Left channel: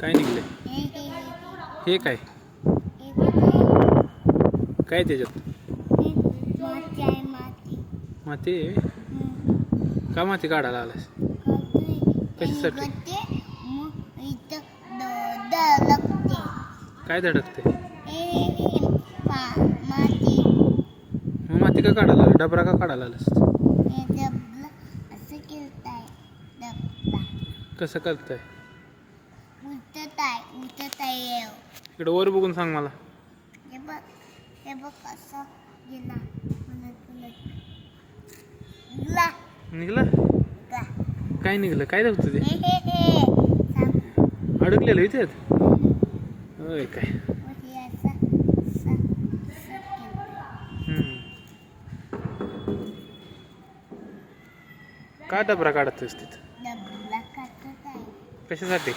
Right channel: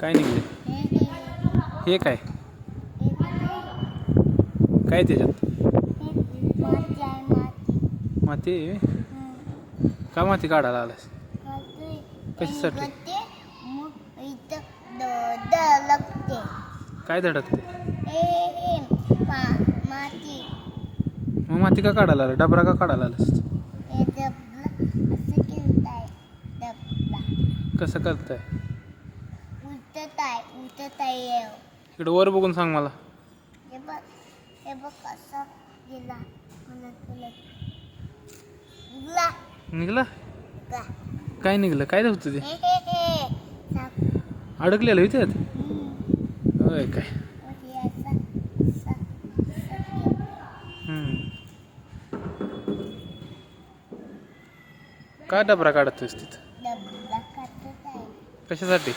काय निघले? हे काय काय त्याच्यात? माती आहे? का माती काढायला आलास? कशासाठी? काय धडकते? मग माती का काढायला आला? डबरा का काढायला आलास? कसं करताय? इकडे वर बघून सांग मला. हे बघ कसं गेला. निघला? काय निघलं? काय नव्हतं ते? अडकलेलं इथे? होय काय? का डबरा काढतोस तिथं? कशासाठी?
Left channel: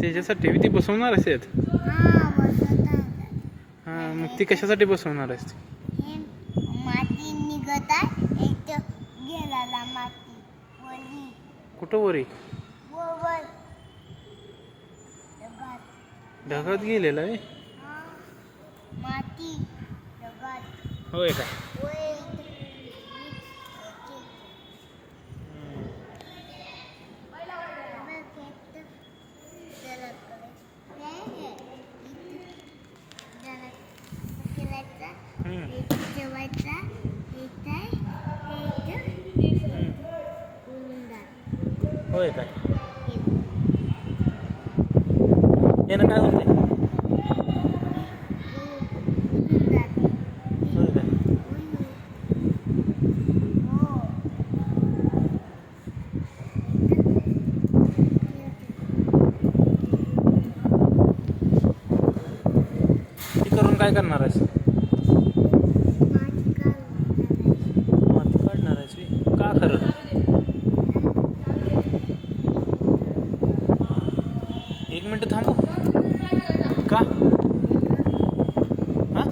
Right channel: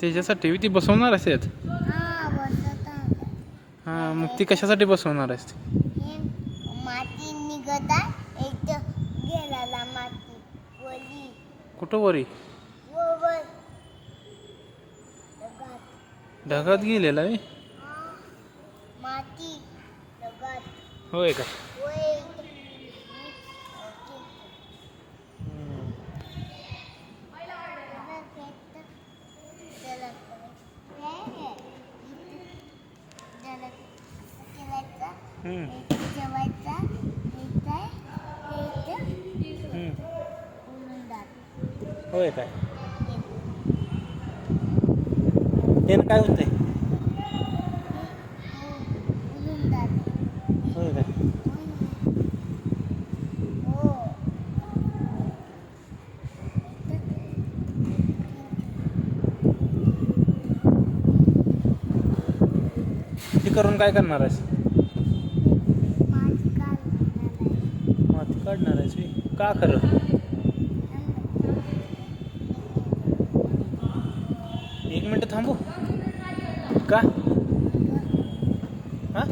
त्याच्यासाठी ती बसवणार असेल. हां, मग ती कशासाठी बसवणार आहेस? माती निघत आहे गेला माती वली. कुठं वरी? ढगात गेलेला आहे माती ढगात. होय का? होय काय? त्यानं काय होतंय? होय का? हे करून काय करणार आहेस? माती काढणार आहेस? का खरं? एक मिनिट थांबू का? हां